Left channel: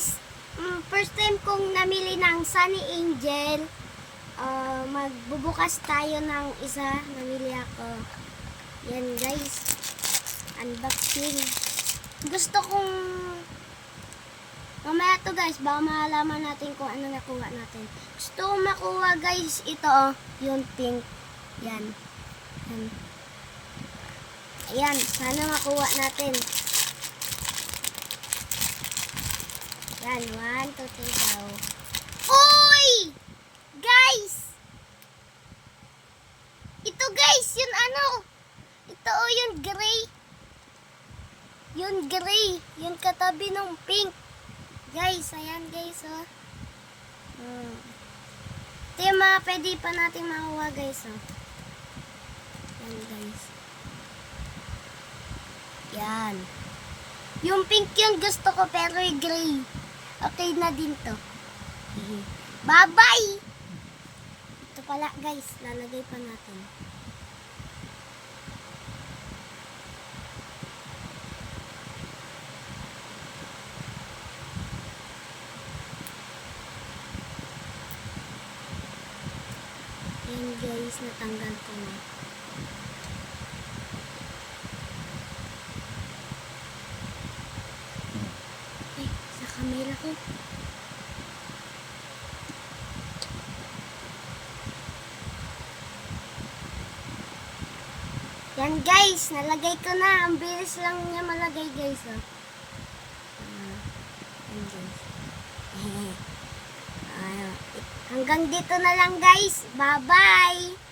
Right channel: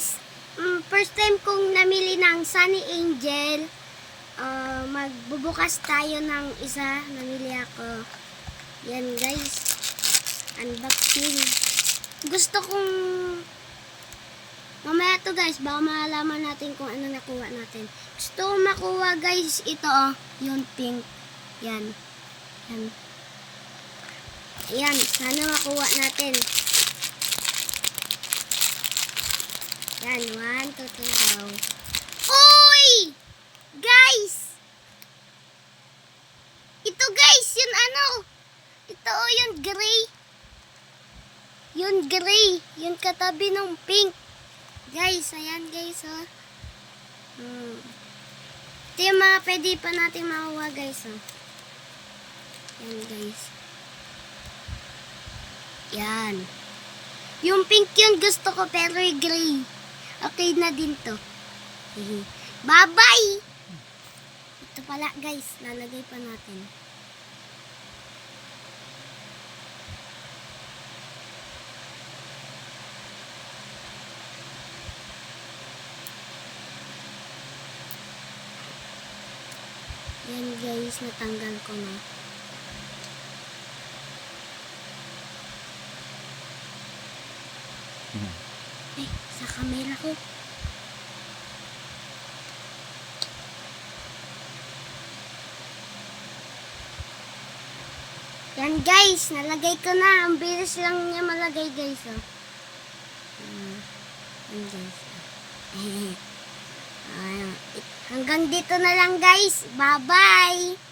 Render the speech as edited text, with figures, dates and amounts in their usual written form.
guys, first time kong namili ng Sunny Angel. Magbubukas tayo ng isa. Namili ako. Yan guys. Unboxing. Gusto kong mamaya to guys, baka malaman natin kung ano nakuha natin. Gusto kong makuha guys, ito yung pink. Yan. Yan. Ayan, sana makuha natin. Yan, 1, 2, 3, go. Uy! Guys! Ito guys, yung ano? Ito yung gray. Yung gray. Yung katabi ng pink. Guys, ayan guys, oh. Ito yung mga pwede pa natin makuha guys, oh. Yan guys. Yan. Yung pink yung gusto ko pero yung gray. Okay na din to. Bye-bye! Ito pala guys, lalagay pa natin. Yan guys, natanggal ko na. Ay, sa camera ko. Yan guys, nalagay ko na. Ang bilis lang niya malagay guys. Oh. Yan guys. Hanggang dito na lang guys. Bye-bye!